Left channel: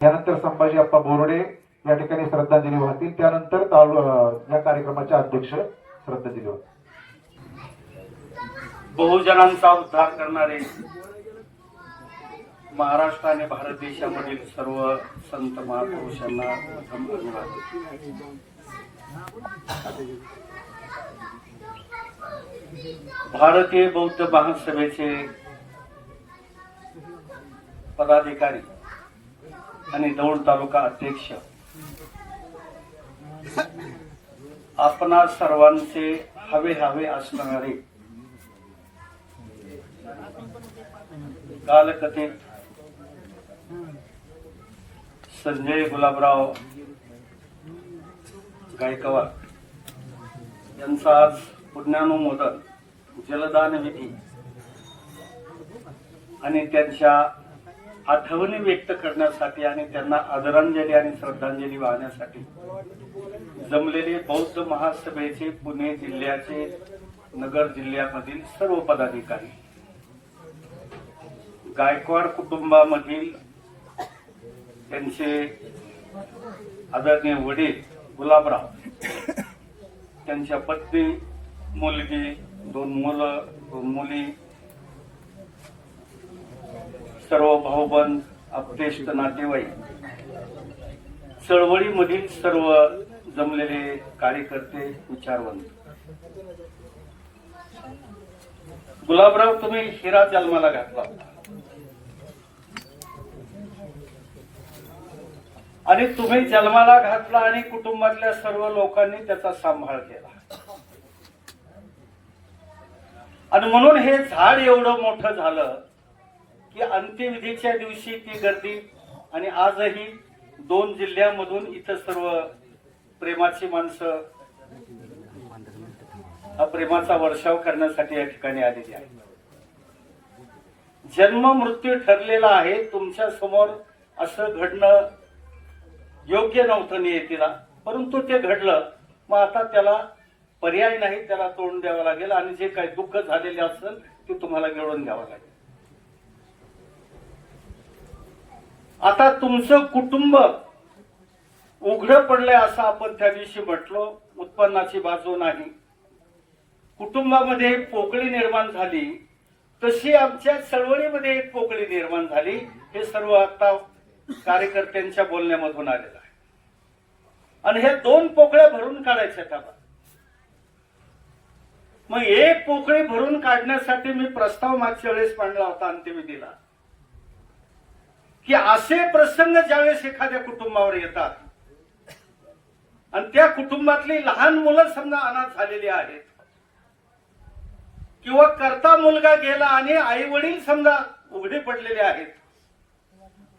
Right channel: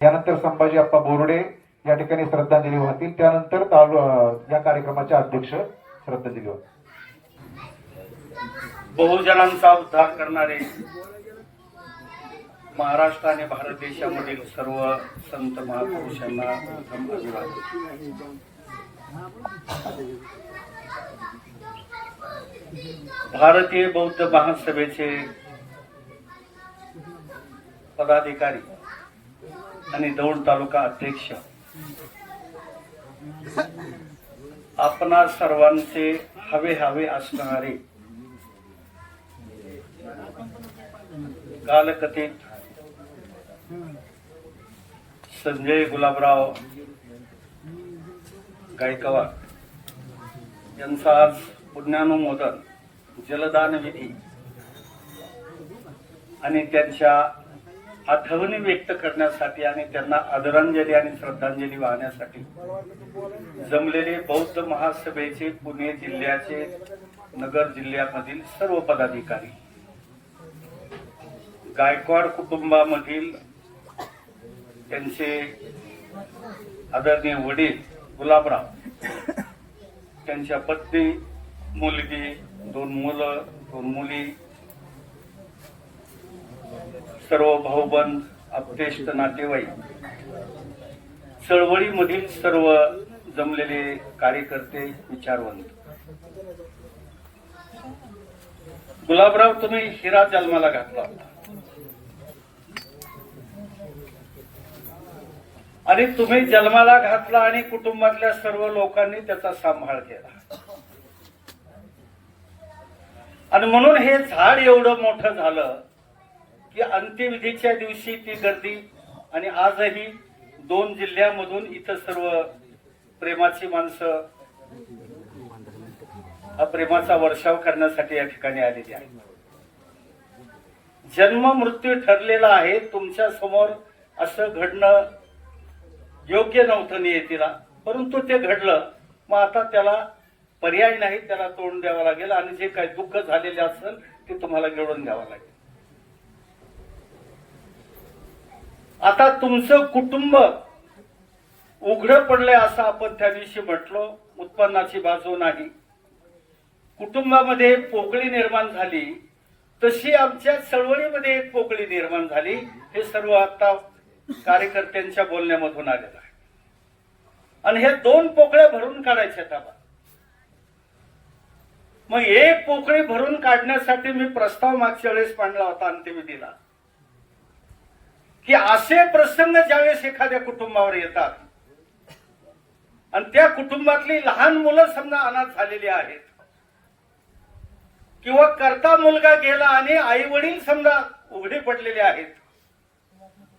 यानंतर संभाजी अप्पा बोर्डे या ठिकाणी श्रद्धांजली वाहतील. त्यानंतर तालु या कार्यक्रमाचे अध्यक्ष श्रद्धांजली वाहतील. बहुजनांचा उद्धार करणारे महाराष्ट्र आणि भारत देशामधील सर्व संत महापुरुषांना प्रथम अभिवादन. भारतीय बौद्ध महासभेचे पदाधिकारी आणि दौंड तालुका अध्यक्ष. आपणा सर्वांचे हवे हवे असणारे कालकथित संजय गुलाबराव गायकवाड यांचा आज पुण्यानुमोदन जलदान विधी आणि त्यांच्या आठवणी व्यक्त करण्यासाठी आणि त्यांना आदरांजली आणि श्रद्धांजली वाहण्यासाठी जमलेले बौद्ध महासभेचे पुणे जिल्ह्याचे नगर जिल्ह्यामधील सर्व पदाधिकारी गायकवाड कुटुंबामधील त्यांचे आदरणीय वडील गुलाबराव त्यांच्या पत्नी मुलगी दोन मुलं दोन मुली सर्व भाऊबंद आपतेष्ट नातेवाईक चळवळीमधील सर्व जमलेले कार्यकर्ते विचारवंत. गुलाबराव तुम्ही हिरा जन्माला घातला आणि तुम्ही जन्माला घातला आणि कुटुंबातल्या सर्व लोकांनी त्याचा सांभाळ केला. आणि म्हणून हे झाड एवढं मोठं झालं की अंत्यविधीच्या दिवशी ती गर्दी आणि आजही दोन जिल्ह्यामधून इथं सर्व प्रेमाची माणसं हा प्रेमाचा वर्षाव करण्यासाठी या ठिकाणी आलेली आहे. जन्म मृत्यू ठरलेला आहे तुमच्यासमोर असं घडणं योग्य नव्हतं नियतीला परंतु ते घडलं. मग आता त्याला पर्याय नाही त्याला तोंड द्यावं लागेल आणि जे काही दुःख झालेले असेल ते तुम्हाला गिळून द्यावं लागेल. आता तुमचं कुटुंब उघडं पडलंय असं आपण त्या दिवशी म्हटलो उत्पन्नाची बाजू नाही. कुटुंबामध्ये पोकळी निर्माण झाली तशी आमच्या चळवळीमध्ये एक पोकळी निर्माण झाली. हे सर्व आता कार्यकर्त्यांच्या बोलण्यामधून आलेलं आहे. आणि हे दोन पोकळ्या भरून काढायच्या आता मग एक पोकळी भरून काढण्यासाठी मी प्रस्ताव मागच्या वेळेस मांडला होता अंत्यविधीला की असे प्रसंग ज्यावेळेस एखाद्या कुटुंबावर येतात आणि त्या कुटुंबातली लहान मुलं समजा अनाथ झालेली आहेत किंवा करता मुलगा गेला आणि आई वडील समजा उघडे पडलेले आहेत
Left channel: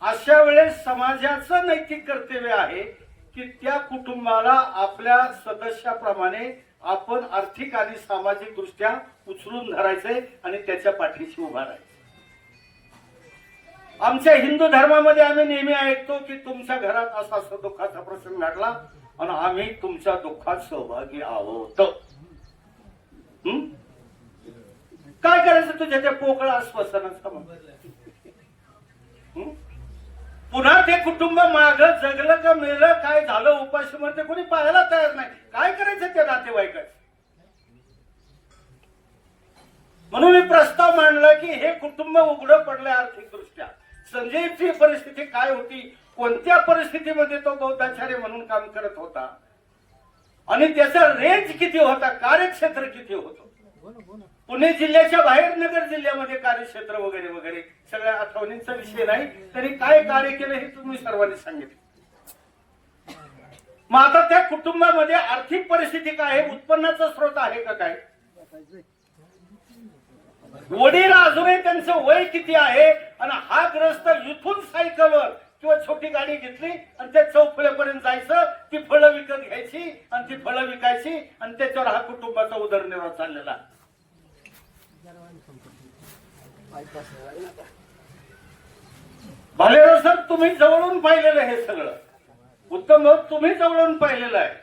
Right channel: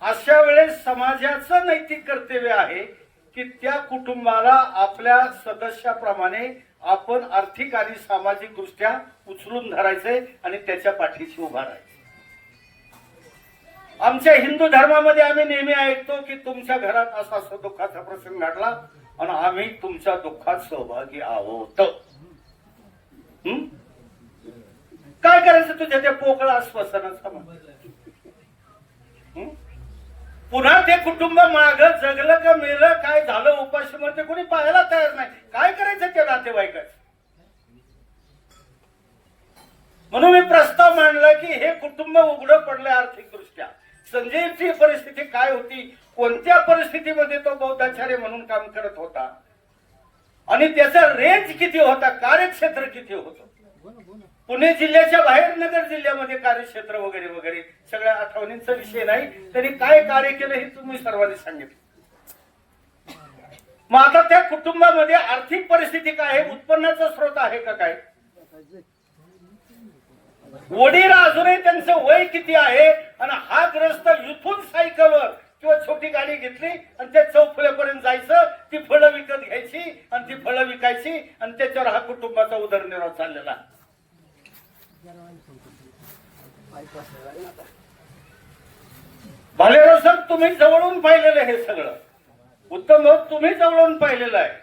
अशा वेळेस समाजाचं नैतिक कर्तव्य आहे की त्या कुटुंबाला आपल्या सदस्याप्रमाणे आपण आर्थिक आणि सामाजिक दृष्ट्या उचलून धरायचंय आणि त्याच्या पाठीशी उभा राहायचं आमच्या हिंदू धर्मामध्ये आम्ही नेहमी ऐकतो की तुमच्या घरात असा असा दुःखाचा प्रसंग घडला आणि आम्ही तुमच्या दुःखात सहभागी आहोत. काय करायचं तुझ्या त्या पोकळा आश्वासनाचा पुन्हा ते कुटुंब माग जगलं का मेलं काय झालं उपाशी मरते कोणी पाहायला तयार नाही. काय करायचं त्या नातेवाईकाचं? म्हणून मी प्रस्ताव मांडला की हे कुटुंब उघडं पडले आर्थिक दृष्ट्या संजयची परिस्थिती काय होती? कोणत्या परिस्थितीमध्ये तो बौद्धाचार्य म्हणून काम करत होता? आणि त्याचा रेंज किती होता? कार्यक्षेत्र किती होतं? पुणे जिल्ह्याच्या बाहेर नगर जिल्ह्यामध्ये कार्यक्षेत्र वगैरे वगैरे सगळ्या आठवणींचा विषय नाही. तरी काय कार्य केलं हे तुम्ही सर्वांनी सांगितलं. मग आता त्या कुटुंबामध्ये आर्थिक परिस्थिती काय आहे? उत्पन्नाचा स्रोत आहे का काय? वडील अजूनही त्यांचं वय किती आहे? आणि हा ग्रस्त इथून सायकलवर किंवा छोटी गाडी घेतली आणि त्या चौफळ्यापर्यंत जायचं ती फळं विकत घ्यायची आणि ती फळं विकायची आणि त्याच्यावर हा कुटुंबाचा उदरनिर्वाह चाललेला. भालेराव सर तुम्ही जवळून पाहिलेलं हे सगळं. उत्तम भाऊ तुम्ही जवळून पाहिलेलं आहे.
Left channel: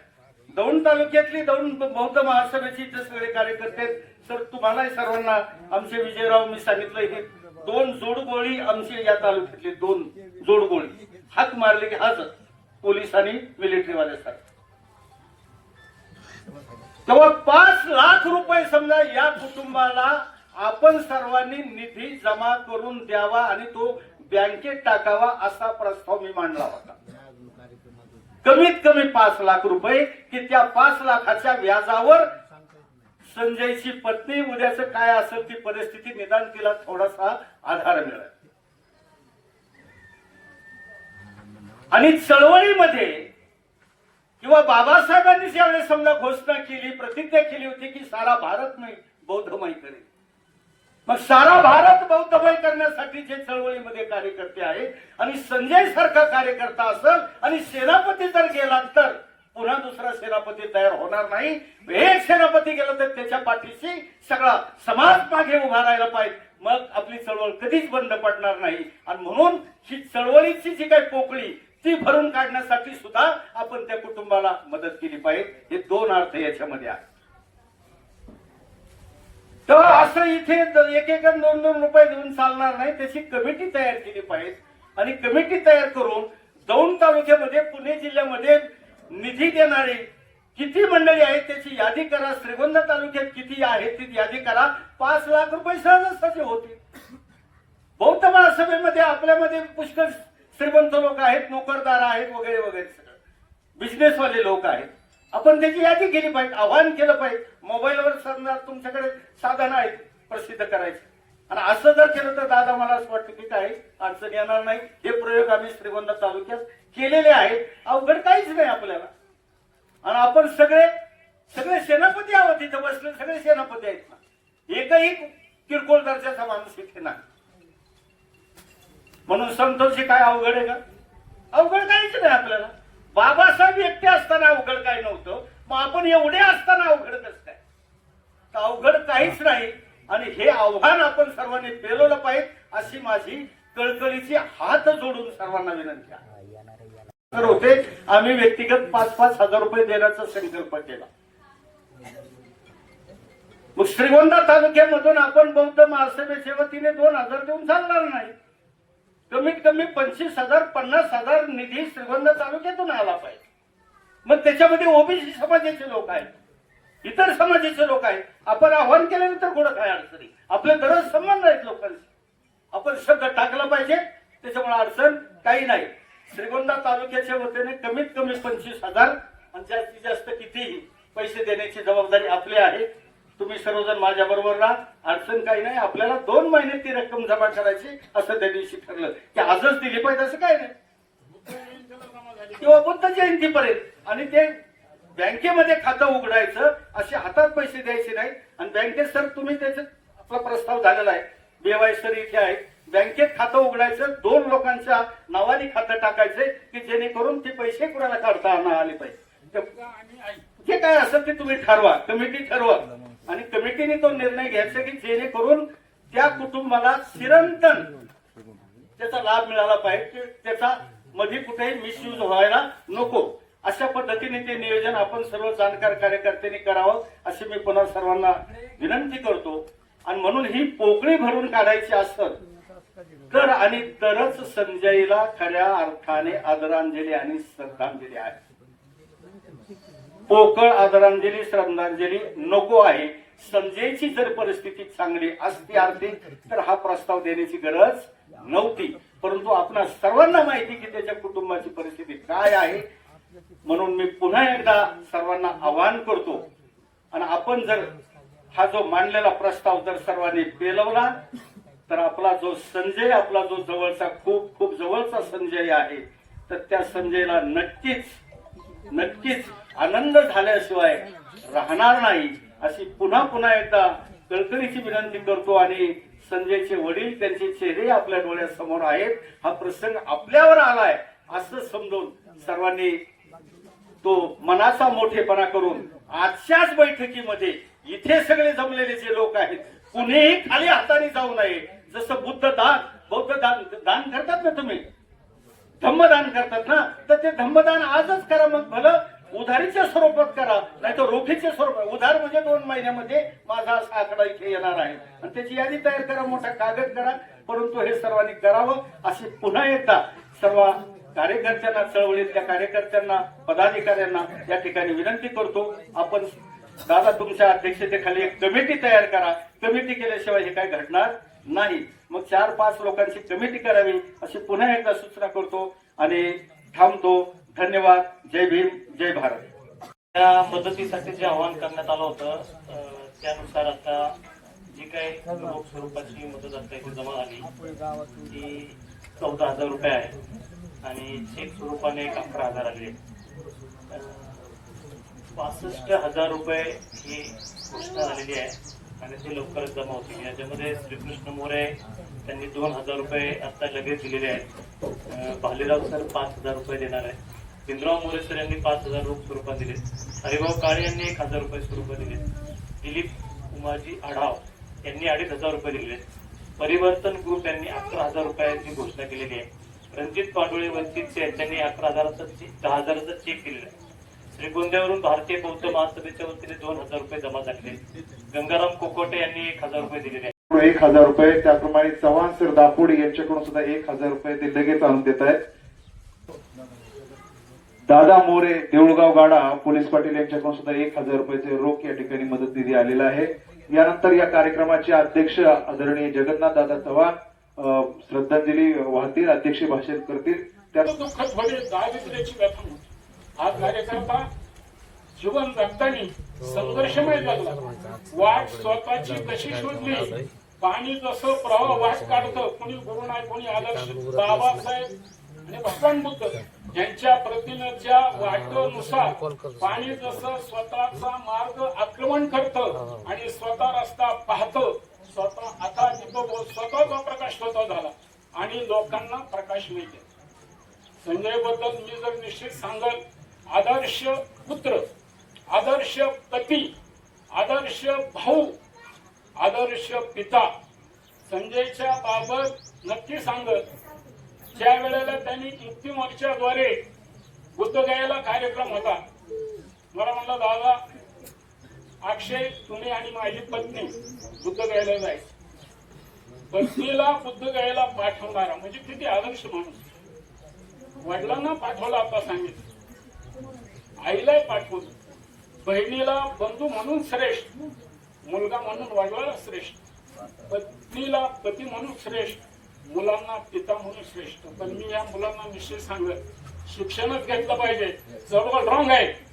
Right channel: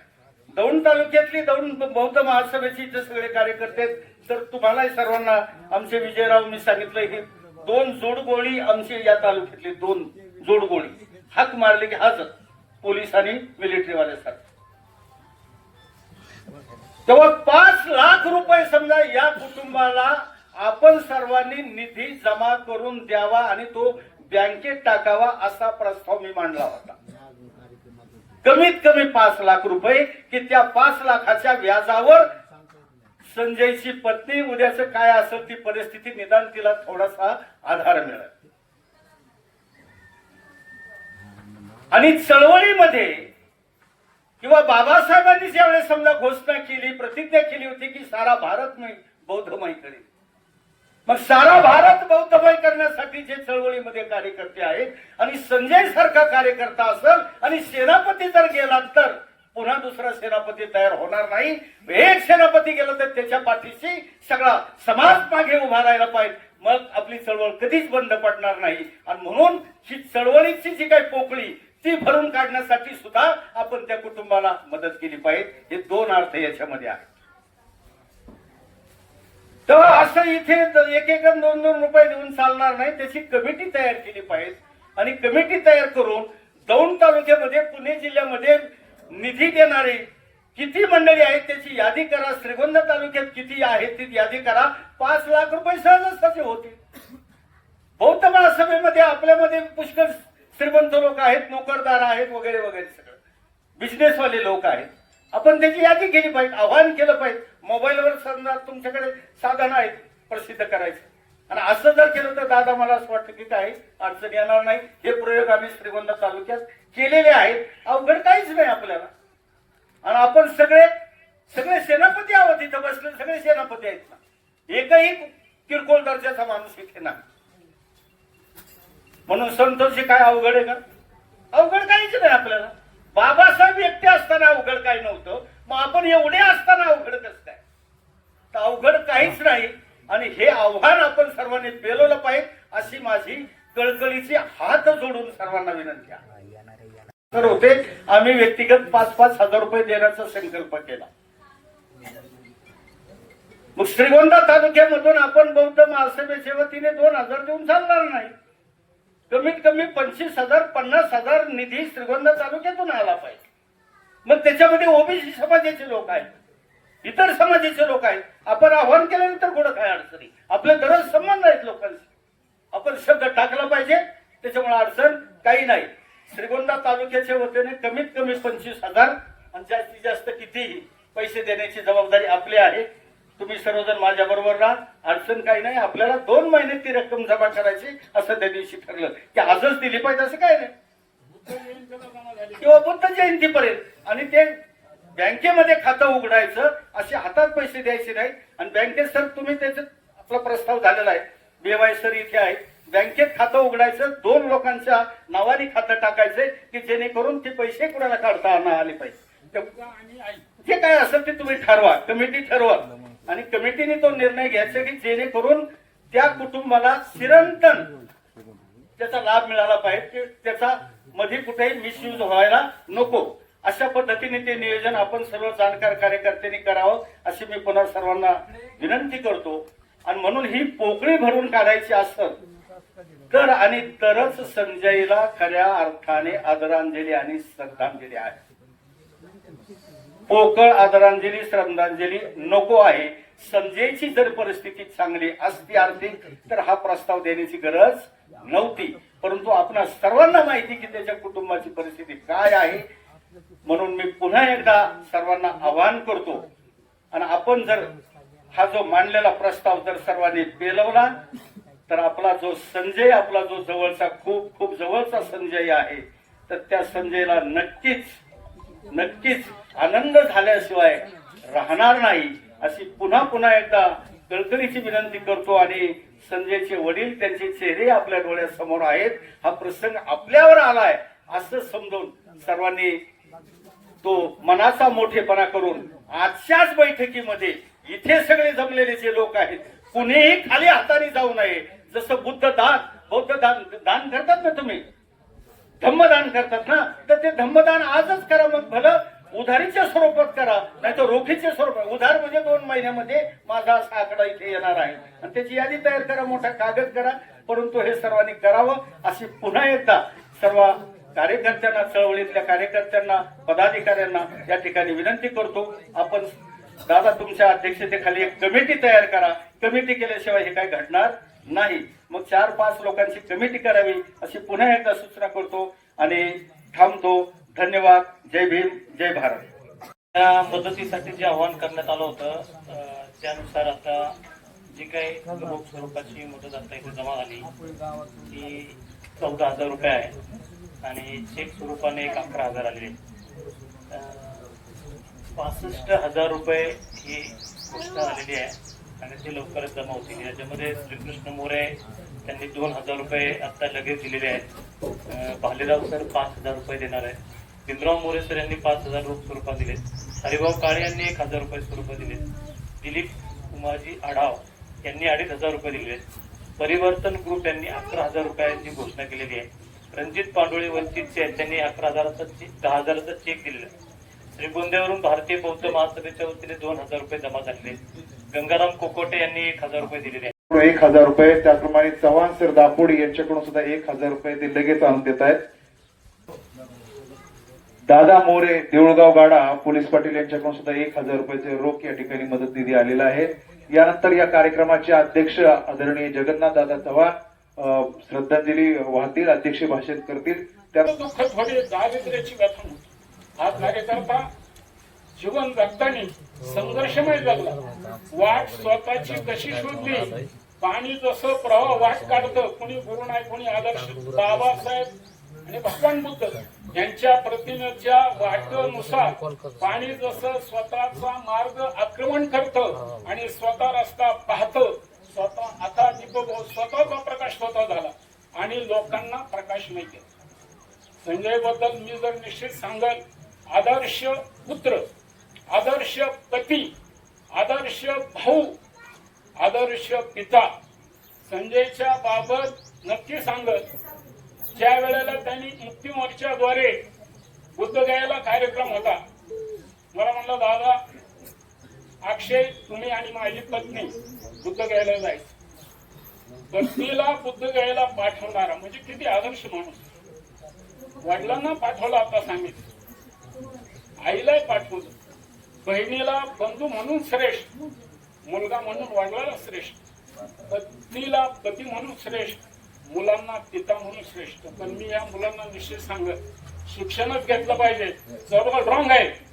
दौंड तालुक्यातली दौंड बौद्ध महासभेची जे सगळे कार्यकर्ते तर तुम्हालाही सर्वांना आमचे विजयराव मी सांगितलं हे दोन जोडगोळी आमची या तालुक्यातले दोन जोडगोळी हाक मारले की हाच पोलीस आणि मिलिटरीवाल्यासारखं तेव्हा पाच लाख रुपये समजा या कुटुंबाला आपण सर्वांनी निधी जमा करून द्यावा आणि तो बँकेत टाकावा असा प्रस्ताव मी मांडला होता. कमीत कमी पाच लाख रुपये की त्या पाच लाखाच्या व्याजावर संजयची पत्नी उद्याचं काय असेल ती परिस्थिती निदान तिला थोडासा आधार मिळाला. आणि चळवळीमध्ये किंवा बाबासाहेबांनी ज्यावेळेस समजा घोषणा केली प्रतिज्ञा केली होती की सारा भारत मी बौद्धमय करेल मग सारा भारत बौद्धमय करण्यासाठी जे चळवळीमध्ये कार्यकर्ते आहेत आणि संजय सारखा कार्यकर्ता असेल आणि सेनापती जर गेला तर पुन्हा दुसरा सेनापती तयार होणार नाही. एक सेनापती गेला तर त्याच्या पाठीशी सगळा समाज मागे उभा राहायला पाहिजे. मग आपली चळवळ कधीच बंद पडणार नाही. आणि म्हणून ही चळवळीची जी काही पोकळी ती भरून काढण्यासाठी सुद्धा आपण त्या कुटुंबाला मदत केली पाहिजे. हे दोन अर्थ याच्यामध्ये आहेत. तर असं इथे एक एक दोन दोन रुपये देऊन चालणार नाही. त्याची कमिटी तयार केली पाहिजे. आणि कमिटी तयार करून दौंड तालुक्यामध्ये पुणे जिल्ह्यामध्ये निधी देणारे किती मंडळी आहेत त्याची यादी करा. श्रीगोंदा तालुक्यात किती आहेत ती यादी करा. पाच लाख रुपये सहजासहजी होते बौद्ध महासभेमध्ये आपल्यामध्ये पुष्कळ श्रीमंत लोक आहेत नोकरदार आहेत वगैरे वगैरे सगळं. बिझनेसवाले लोक आहेत. आपण त्याची यादी केली पाहिजे आव्हान केलं पाहिजे. मोबाईलवर समजा तुमच्याकडे साधन आहेत प्रसिद्ध करायचे. आणि असं जर केलं तर दादा मला असं वाटतं की काही अडचण येणार नाही. हे प्रयोग आम्ही श्रीगोंदा तालुक्यात केलेले आहेत. अवघड काहीच नाही आपल्याला. आणि आपण सगळे सगळे सेनापती आहोत इथं बसले सगळे सेनापती आहेत ना. एकही किरकोळ दर्जाचा माणूस इथे नाही. म्हणून संतोषी काय अवघड आहे का? अवघड काहीच नाही आपल्याला. बाबासाहेब एकटे असताना अवघड काही नव्हतं. मग आपण एवढे असताना अवघड कसं काय? तर अवघड काहीच नाही. आणि हे आव्हान आपण सर्वांनी पेलवलं पाहिजे अशी माझी कळकळीची हात जोडून सर्वांना विनंती आहे. तर होते आम्ही व्यक्तिगत पाच पाच हजार रुपये देण्याचा संकल्प केला. मग श्रीगोंदा तालुक्यामधून आपण बौद्ध महासभेच्या वतीने दोन हजार देऊन चालणार नाही. कमीत कमी पंचवीस हजार पन्नास हजार निधी श्रीगोंदा तालुक्यातून आला पाहिजे. मग त्याच्यामध्ये ओबीसी समाजाचे लोक आहेत. इतर समाजाचे लोक आहेत. आपण आव्हान केल्यानंतर कुठं काय अडचणी आपले दररोज संबंध आहेत लोकांशी आपण शब्द टाकला पाहिजे त्याच्यामुळे अडचण काही नाही. श्रीगोंदा तालुक्याच्या वतीने कमीत कमी पंचवीस हजार आणि जास्तीत जास्त कितीही पैसे देण्याची जबाबदारी आपली आहे. तुम्ही सर्वजण माझ्या बरोबर राहा. अडचण काही नाही. आपल्याला दोन महिने ती रक्कम जमा करायची असं त्या दिवशी ठरलं. की आजच दिली पाहिजे असं काय नाही. किंवा बुद्ध जयंतीपर्यंत. आणि ते बँकेमध्ये खातं उघडायचं असे हातात पैसे द्यायचे नाही आणि बँकेत सर तुम्ही त्याच्यात आपला प्रस्ताव झालेला आहे. बेवाय सर इथे आहे बँकेत खातं उघडायचं दोन लोकांच्या नावाने खातं टाकायचंय की जेणेकरून ते पैसे कुणाला काढता आले पाहिजे. जे काय असेल ते तुम्ही ठरवा कमिटी ठरवा. आणि कमिटीने तो निर्णय घ्यायचा की जेणेकरून त्या कुटुंबाला चिरंतन त्याचा लाभ मिळाला पाहिजे की त्याचा मध्ये कुठेही मिसयूज व्हायला नको. अशा पद्धतीने ते नियोजन आपण सर्व जाणकार कार्यकर्त्यांनी करावं अशी मी पुन्हा सर्वांना विनंती करतो. आणि म्हणून ही पोकळी भरून काढायची असत तर आणि तरच संजयला खऱ्या अर्थाने आदरांजली आणि श्रद्धांजली आहे. पोकळ आदरांजली श्रद्धांजली नको आहे. संजयची जर परिस्थिती चांगली असती आर्थिक तर हा प्रस्ताव देण्याची गरज नव्हती. परंतु आपण सर्वांना माहिती की त्याच्या कुटुंबाची परिस्थिती काय आहे म्हणून मी पुन्हा एकदा सर्वांना आवाहन करतो आणि आपण जर हा जो मांडलेला प्रस्ताव जर सर्वांनी पेलवला तर आपला जो संजय आपला जो जवळचा खूप खूप जवळचा संजय आहे तर त्या संजयला नक्कीच नक्कीच आनंद झाल्याशिवाय राहणार नाही अशी पुन्हा पुन्हा एकदा कळकळीची विनंती करतो आणि संजयचे वडील त्यांचे चेहरे आपल्या डोळ्यासमोर आहेत हा प्रसंग आपल्यावर आलाय असं समजून सर्वांनी तो मनाचा मोठेपणा करून आजच्याच बैठकीमध्ये इथे सगळे जमलेले जे लोक आहेत कुणीही खाली हाताने जाऊ नये. जसं बुद्ध दान बौद्ध दान दान करतात ना तुम्ही? धम्मदान करतात ना? तर ते धम्मदान आजच करा मग भलं. उधारीच्या स्वरूपात करा नाही तर रोखीच्या स्वरूपात उधार म्हणजे दोन महिन्यामध्ये माझा असा आकडा इथे येणार आहे. आणि त्याची यादी तयार करा मोठा कागद करा. परंतु हे सर्वांनी करावं. अशी पुन्हा एकदा सर्व कार्यकर्त्यांना चळवळीतल्या कार्यकर्त्यांना पदाधिकाऱ्यांना या ठिकाणी विनंती करतो आपण दादा तुमच्या अध्यक्षतेखाली एक कमिटी तयार करा. कमिटी केल्याशिवाय हे काय घडणार नाही. मग चार पाच लोकांची कमिटी करावी अशी पुन्हा एकदा सूचना करतो आणि थांबतो. धन्यवाद. जय भीम जय भारत. त्या मदतीसाठी जे आवाहन करण्यात आलं होतं त्यानुसार आता जी काही स्वरूपाची मदत आता इथे जमा झाली ती चौदा हजार रुपये आहे. आणि चेक स्वरूपाने एक अकरा हजार आलेले पासष्ट हजार रुपये ही घोषणा झालेली आहे आणि ते लवकरच जमा होतील. याच्यामध्ये श्रीकृष्ण मोरे त्यांनी दोन हजार रुपये आता लगेच दिलेले आहेत. भालेराव सर पाच हजार रुपये देणार आहे भीमराव मोरे सर यांनी पाच हजार रुपये स्वरूपात दिले हरिभाऊ काळे यांनी एक हजार रुपये स्वरूपात दिले दिलीप उमाजी आढाव यांनी अडीच हजार रुपये दिले परिवर्तन ग्रुप यांनी अकरा हजार रुपयाची घोषणा केलेली आहे. रणजित पांडोळी वंचितचे त्यांनी अकरा हजाराचा दहा हजाराचा चेक दिलेला श्रीगोंद्यावरून भारतीय बौद्ध महासभेच्या वतीने दोन हजार रुपये जमा झालेले गंगाराम कोकोटे यांनी एक हजार रुपये दिलेले आहेत. एक हजार रुपये त्याप्रमाणे चव्हाण सर दापोड यांच्याकडून सुद्धा एक हजार रुपये ते लगेच आणून देत आहेत. दादा मोरे देऊळगाव गाडा पोलीस पाटील यांच्याकडून सुद्धा एक हजार रुपयाचे रोख या ठिकाणी मदत निधी आलेला आहे. यानंतर या कार्यक्रमाचे अध्यक्ष आदरणीय जगन्नाथ दादा चव्हाण श्रद्धांजली वाहतील अध्यक्ष भाषण करतील. त्या दुःख थोडी दारिद्र्याची व्यथा आज हा कार्यकर्ता जीवन जगताना संघर्षमय जगला. वाट स्वतःची कशी शोधली? पाणी जसं प्रवाह वाट काढतं कोणी गुरु नाही कोणी आदर्श. बाबासाहेब आणि भगवान बुद्ध यांच्या प्रतिमेच्या वाटेनुसार पाणी जसं स्वतःचा मार्ग आक्रमण करतं आणि स्वतः रस्ता पाहतं स्वतः आता दीपक स्वतःचा प्रकाश स्वतः झाला. आणि लोकांना प्रकाश मिळते संजयबद्दल मी जर निश्चित सांगल आदर्श पुत्र आदर्श पती आदर्श भाऊ आदर्श पिता संजयच्या बाबत नक्की सांगत ज्या वेळेला त्यांनी मुक्ती मोर्चाद्वारे बुद्धगयाला कार्यक्रम होता मला म्हणलं दादा अक्षय तुम्ही आणि माझी पत्नी बुद्धगयाला जायचं. पत्नीला बुद्धगयाला पाठवणारा म्हणजे किती आदर्श माणूस. वडिलांना पाठवला आता सांगितलं. आईलाही पाठवलं. बहिणीला बंधू म्हणून श्रेष्ठ मुलगा म्हणून वडिलाला श्रेष्ठ पत्नीला पती म्हणून श्रेष्ठ मुलांना पिता म्हणून श्रेष्ठ. पण मी या मुलांना निश्चित सांगत शिक्षणच घेतलं पाहिजे. सर्व रॉंग आहे.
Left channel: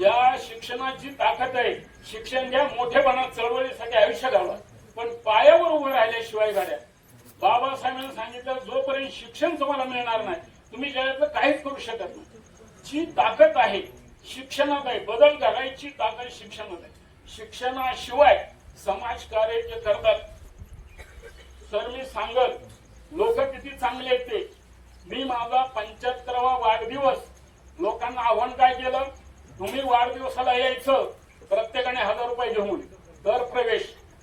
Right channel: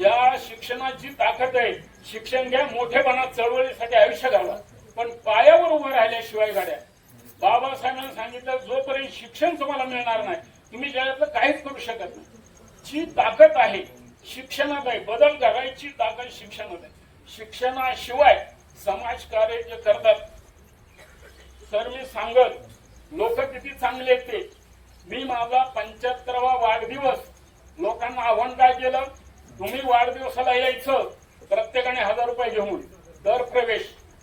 ज्या शिक्षणाची ताकद आहे शिक्षण घ्या मोठेपणा चळवळीसाठी आयुष्य घाला. पण पायावर उभं राहिल्याशिवाय गाड्या. बाबासाहेबांनी सांगितलं जोपर्यंत शिक्षण तुम्हाला मिळणार नाही तुम्ही जगातलं काहीच करू शकत नाही. जी ताकद आहे शिक्षणात आहे बदल घडायची ताकद शिक्षणात आहे. शिक्षणाशिवाय समाज कार्य जे करतात सर मी सांगत लोक किती चांगले येते ते. मी माझा पंच्याहत्तरावा वाढदिवस लोकांना आव्हान काय केलं? तुम्ही वाढदिवसाला यायचं प्रत्येकाने हजार रुपये घेऊन दर प्रवेश.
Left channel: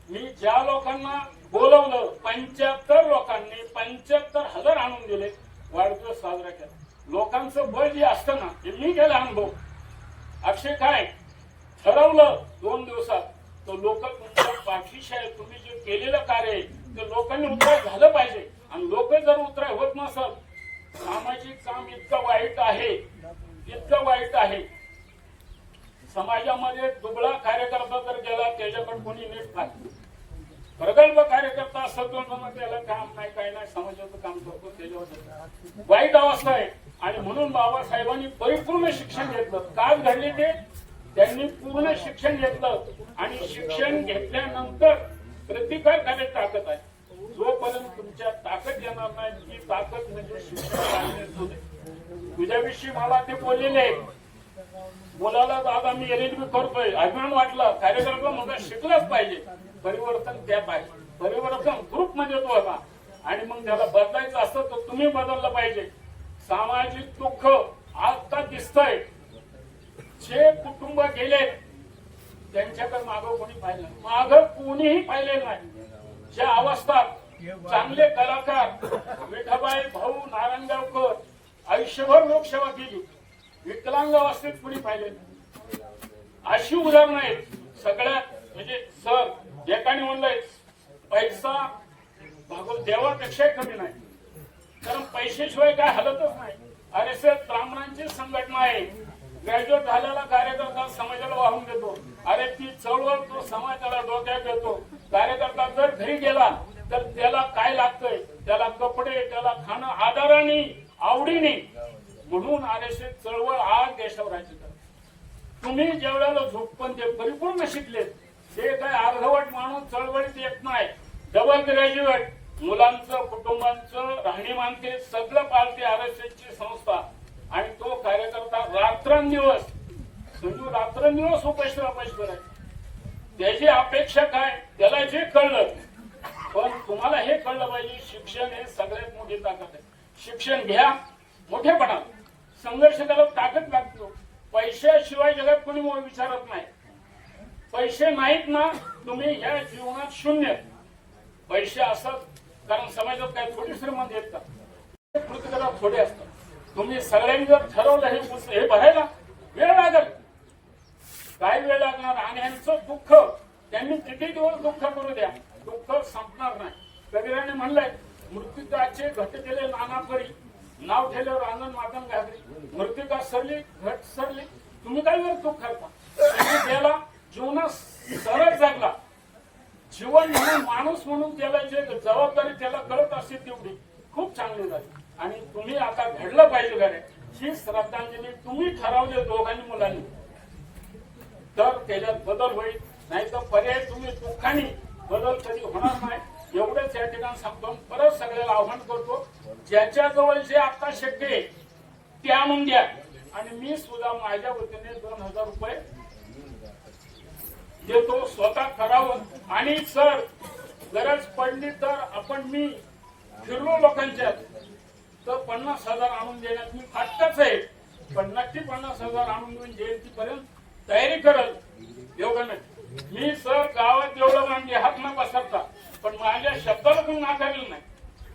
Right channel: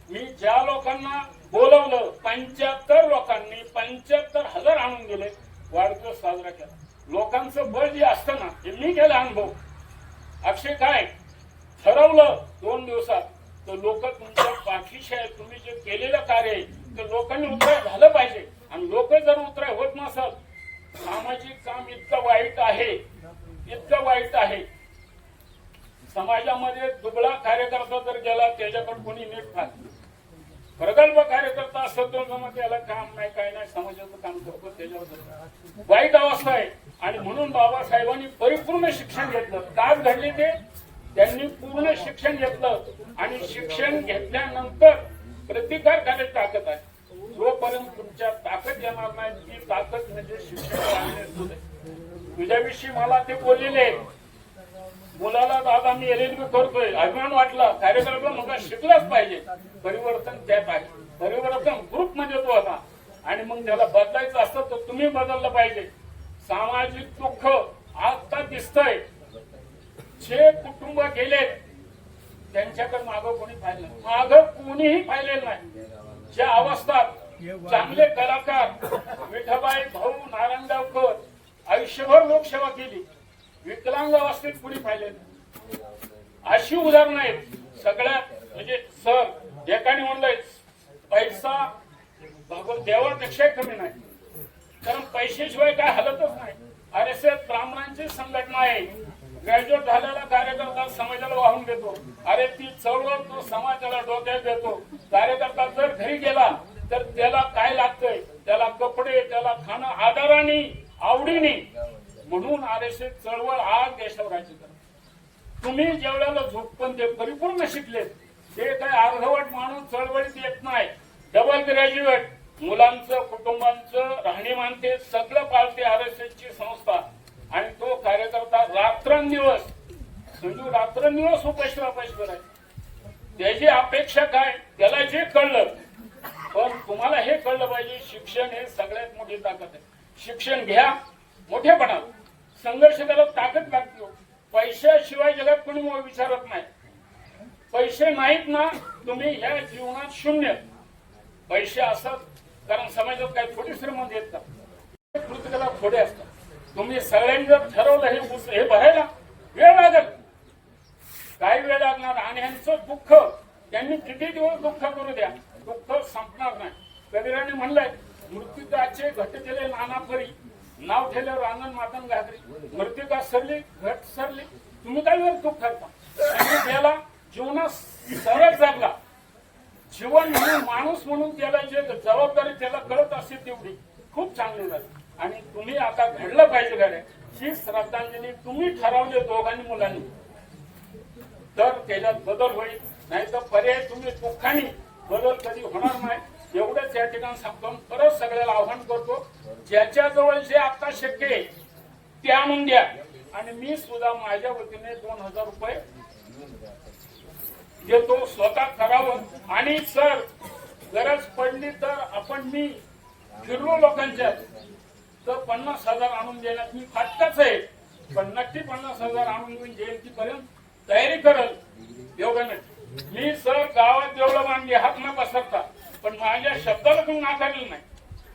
मी ज्या लोकांना बोलवलं पंच्याहत्तर लोकांनी पंच्याहत्तर हजार आणून दिले. वाढदिवस साजरा केला. लोकांचं बळ जे असतं ना हे मी गेला अनुभव. अक्षय काय? ठरवलं दोन दिवसात. तर लोक तुमच्या पाठीशी आहे तुम्ही जे केलेलं कार्य आहे ते लोकांनी उतराय झालं पाहिजे. आणि लोक जर उतराय होत नसल सामाजिक काम इतकं वाईट आहे इतकं वाईट आहे. समाजामध्ये दुबळा कार्यकर्ता जर गेला त्याच्याकडे कोणी नीट नाही. प्रगल्भ कार्यकर्ता असतो तो त्याला काम नाही काही नाही समाजाचं काम करतो त्याच्यावर वाईट अवस्था आहे. आणि म्हणून बाबासाहेबांनी परिपूर्ण शिक्षण घेतलं. काय घडले ते? त्यांनी पूर्ण शिक्षण घेतलं. आणि शिक्षण घेतल्यानंतर प्रतिकार करायची ताकद आहे. जोपर्यंत तुमच्या ताकद येणार नाही ती ताकद म्हणजे शिक्षण तुझ्याविषयी मला ते बोललेले आहेत. मुलाला आज मी एल करतोय. अभिमान वाटला. कार्यक्रम मग शिकलाच पाहिजे. परिवर्तन त्यात पाहिजे. परिवर्तन ग्रुप म्हणजे तो होता. आणि मग त्याला बदलायचं असतं तर तुम्ही बदललं पाहिजे. सामाजिक दुःख आता दिसतंय. जे कुटुंब गेले त्यांच्याकडे मागं कोणी पाहिलं मागं कोणीही पाहिलेलं नाही. ज्या अवस्था चांगले कलाकार विठाबाई भाऊ नारायणगावकर आयुष्यभर लोकसेवा केली. विकलांग अवस्थेत कुणी पाहिले अशी उदाहरणं आहेत. सगळ्यात म्हणजे सर एकाने म्हणलंय पैसा भागवत देवापेक्षाही कमी नाही. कारण पैशाशिवाय काय हलतच नाही. आर एस एस ब्राह्मणांची संघटना आहे. ग्रॅज्युएट झालेला कार्यकर्ता समाजाला वाहून घेतो अरे ती चळवळ तो समाजाला डोक्यात घेतो कार्यकर्ता जर घरी गेला तर त्याला काय लागतंय? त्याला कपडे त्याला खाणं आदराने आवडीने म्हणून आरक्षण चळवळ आज देशावर राज्य करते तुम्ही जेवढ्याला झोपण ते परिपूर्ण शिकले ते काय अर्धवट माणूस चळवळीत येत नाही डबल ग्रॅज्युएट मुलांचं कुटुंबांचं राहणीमान ते सगळं पाळते आर संस्था. आणि तो कार्यकर्ता रात्रंदिवस संजू रात्रंदिवस उपाशी उपाशी करायचे त्याची अपेक्षा काय? त्याला जे कळलं पण तुम्हाला हे कळलं पाहिजे शिक्षण हे सगळ्यात मोठी ताकद आहे. शिक्षण घ्या मोठेपणा. संघर्ष करायला ताकद लागतो. पैशाशिवाय जगात कोणी मग विचारत नाही. पैसे नाहीत ना तुम्ही ह्या जीवनात शून्य पैसे असत कारण समाजात काही थोडी श्रीमंत येत का प्रत्येकाला थोडे असतात. तुम्ही सगळ्यांनी जर ठरवलं हे हे भरायला वेळ लागत काही वेळ लागणार आणि ह्यांचं दुःख त्यांनी किती दिवस दुःख करू द्या? दुःख संपणार नाही. कबीराने म्हणलंय मृत्यूचे घटलेले नाना परी. नाव ठेल्यावर अंगण मातन घातली. मृत्यूका सरली? घट सरली. तुम्ही काय वेळ दुःख करता? त्याला जीवनात सरळ जगला. जीवन म्हणून माणूस म्हणून त्याला जे जबाबदारी त्याला कळत असते तेवढी खूप चांगली झाली. आणि तुम्ही आता घडलं पाहिजे गाड्या ही श्रद्धांजली तुम्ही ठरवले दोघांनी मुलांनी. तर त्याच्यात बदल होईल. नाही तर पर्याय तुम्ही दुःखाने बदल कधी होणार नाही. एवढंच या ठिकाणी सांगतो. परत सगळ्याला आव्हान करतो ज्याच्या जवळ जे आता शक्य आहे ते आणून आणि मी सुद्धा माझ्या वतीने दोन हजार रुपये देतो स्वतः करावं आणि सर गरज पडली तर आपण मी फिरलो लोकांच्या. तर पन्नास हजार आणून देण्यात मी फाटकाच आहे. पण नक्की पन्नास हजार आणून देऊन जयंतीपर्यंत तयारी करल. एवढं नाही. मी सर गावात एवढं मांडली हात न पसरता पण माझ्या शब्दाला कोण नाकारलं नाही.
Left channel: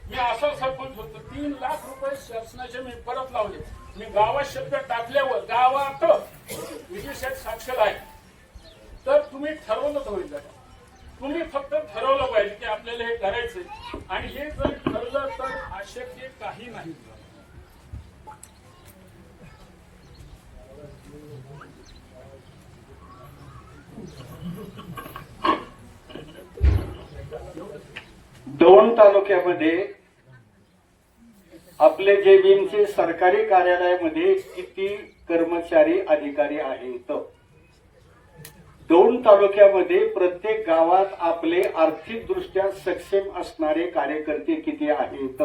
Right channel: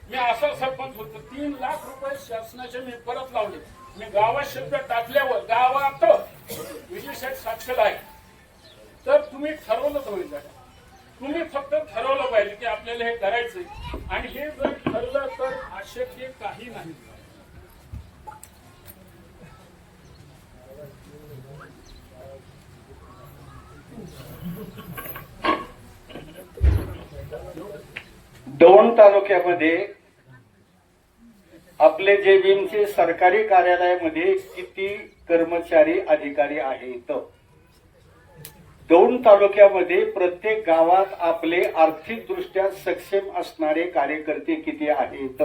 मी असा सरपंच होतो. तीन लाख रुपये शासनाचे मी परत लावले. मी गावात शब्द टाकल्यावर गावात विशेष साक्षर आहे. तर तुम्ही ठरवलंच होईल तुम्ही फक्त ठरवलं पाहिजे की आपल्याला हे करायचंय. आणि हे जर ठरलं तर अशक्य काही नाही. दौंड तालुक्यामध्ये आपले जेबीएमचे सरकारी कार्यालयामध्ये किती कर्मचारी अधिकारी आहेत? दौंड तालुक्यामध्ये प्रत्येक गावात आपले आर्थिकदृष्ट्या सक्षम असणारे कार्यकर्ते किती आहेत?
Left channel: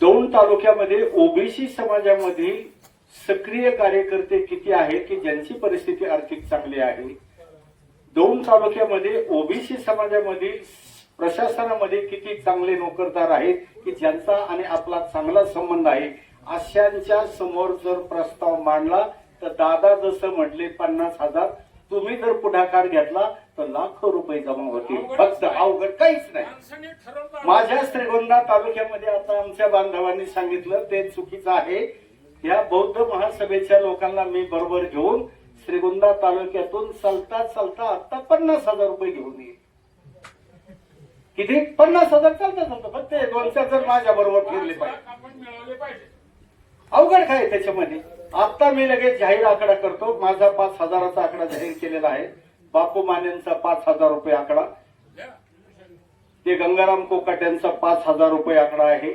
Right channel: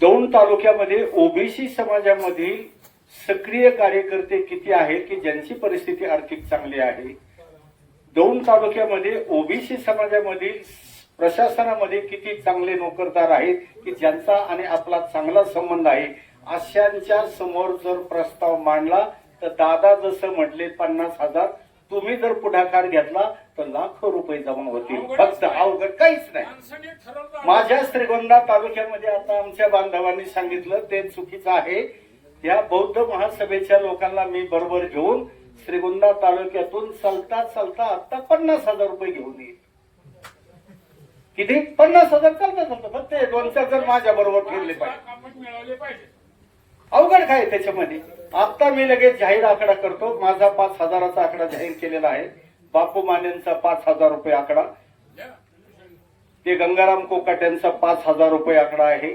दौंड तालुक्यामध्ये ओबीसी समाजामधील सक्रिय कार्यकर्ते किती आहेत की ज्यांची परिस्थिती आर्थिक चांगली आहे? दौंड तालुक्यामध्ये ओबीसी समाजामधील प्रशासनामध्ये किती चांगले नोकरदार आहेत की ज्यांचा आणि आपला चांगला संबंध आहे अशांच्या समोर जर प्रस्ताव मांडला तर दादा जसं म्हटले पन्नास हजार तुम्ही जर पुढाकार घेतला तर लाखो रुपये जमा होतील. फक्त अवघड काहीच नाही. माझ्या श्रीगोंदा तालुक्यामध्ये आता आमच्या बांधवांनी सांगितलं ते चुकीचं आहे. या बौद्ध महासभेच्या लोकांना मी बरोबर घेऊन श्रीगोंदा तालुक्यातून चालता चालता आता पन्नास हजार रुपये घेऊन येईल. किती? पन्नास हजार चालता चालतं. फक्त दोन चार जण माझ्या बरोबर फिरले पाहिजे. अवघड काय त्याच्यामध्ये? आता मी लगेच जाहीर आकडा करतो. माझा पाच हजाराचा आकडा जाहीर केलेला आहे. बापू मानेंचा पाच हजार रुपये आकडा. ते गंगाराम कोकाट यांचा पाच हजार रुपये आकडा आहे.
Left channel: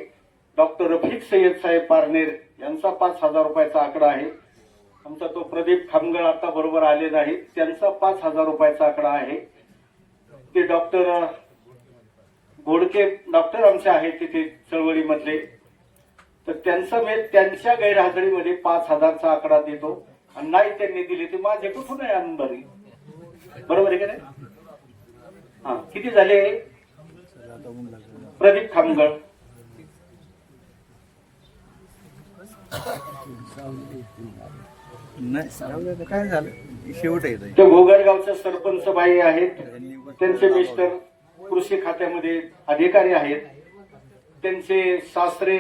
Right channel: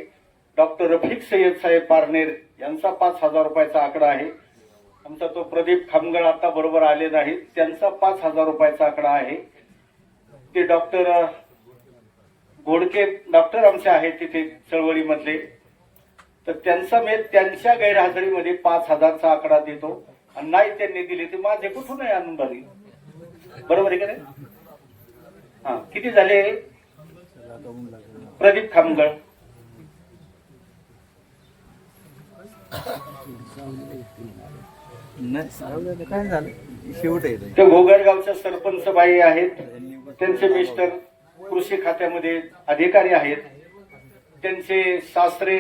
डॉक्टर रफिक सय्यद साहेब पारनेर यांचा पाच हजार रुपयाचा आकडा आहे. आमचा तो प्रदीप खामगळ आता बरोबर आले नाहीत. त्यांचा पाच हजार रुपयाचा आकडा आहे. ते डॉक्टर घोडके डॉक्टर आमचे आहेत तिथे चळवळीमधले. तर त्यांचा मी त्यांच्या गैरहजेरीमध्ये पाच हजारचा आकडा देतो. आणि नाही त्यांनी दिले ते माझे कुठून आहे अनुभवी बरोबर आहे का नाही? हा किती झाले? प्रदीप खामगळ. नाही काय झालं? शेवट आहे ते घोगरगावच्या सरपंच बाई आहेत. त्यांचे मिस्टर कृषी खात्यामध्ये अधिकारी आहेत. त्यांचे सासरे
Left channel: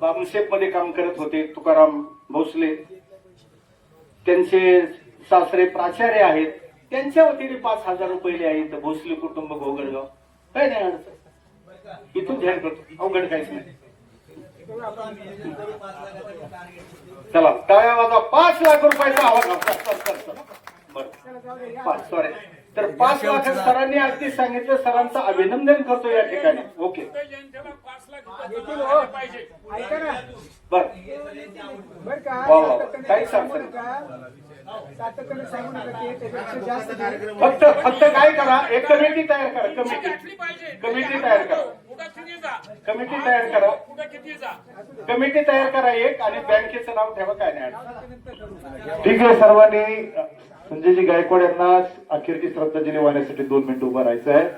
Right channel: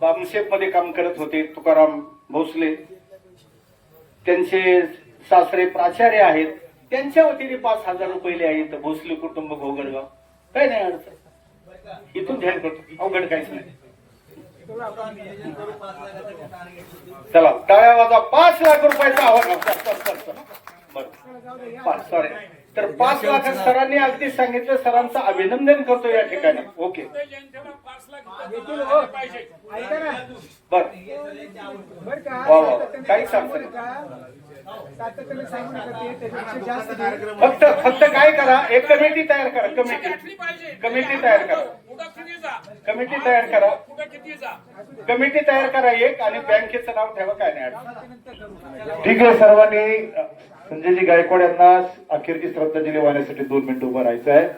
बामशेपमध्ये काम करत होते तुकाराम भोसले. त्यांचे सासरे प्राचार्य आहेत. त्यांच्या वतीने पाच हजार रुपये आहेत भोसले कुटुंब घोगरगाव काय नाही अडचण. इथून ध्यान करतो. अवघड काहीच नाही. चला टाळ्या वाजा पाच लाख रुपयाचा आवाज सॉरी तर पाच लाख सरांनी अगदी सांगितलं सरांचं अभिनंदन करतो या ठिकाणी. ओके. बर. बर वा. सातत्याने काही सांगू सांगता. सातत्याने सांगू नका ते त्याच्यापेक्षा जास्त घे. फक्त फक्त काय करा एक कमिटी तयार करा कमिटी. पाहिजे. कमिटी तयार करा. कुठं किती जा. कमिटी तयार करा. कुठं किती जा. कमिटी तयार करा एक आणि बँकेचं नाव ठेवा काय नाही अडचण. ठीक आहे सर्वांनी अ, संजयजी गायकवाड यांना अखेरची श्रद्धांजली वाहण्यासाठी दोन मिनिटं उभं राहायचं आहे.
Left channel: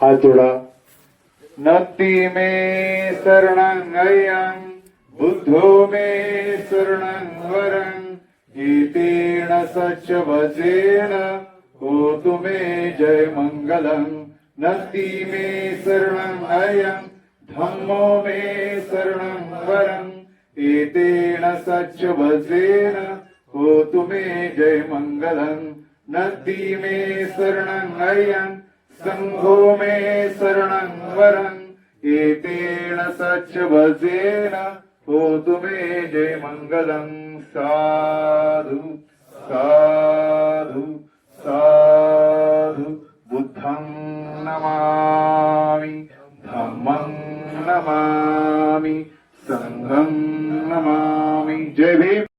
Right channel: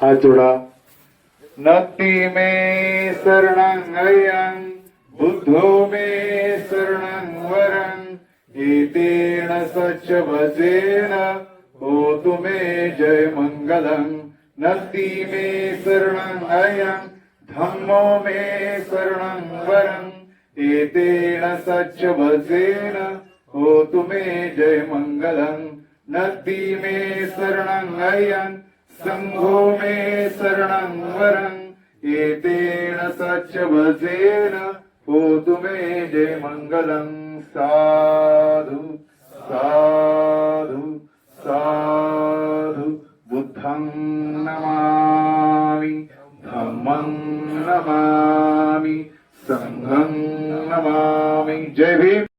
हात जोडा. नक्ती मे शरणांगयं बुद्धो मे शरणं वरं एतेन सच्च भजेन होतु मे जय मङ्गलम् नक्ती मे शरणं अयम् धम्मो मे शरणं वरम् एतेन सच्च भजेन होतु मे जय मङ्गलम् नक्ती मे शरणं अयम् सङ्घो मे शरणं वरम् एतेन सच्च भजेन होतु मे जय मङ्गलम् साधु साधु साधु बुद्धं नमामि धम्मं नमामि सङ्घं नमामि जय भीम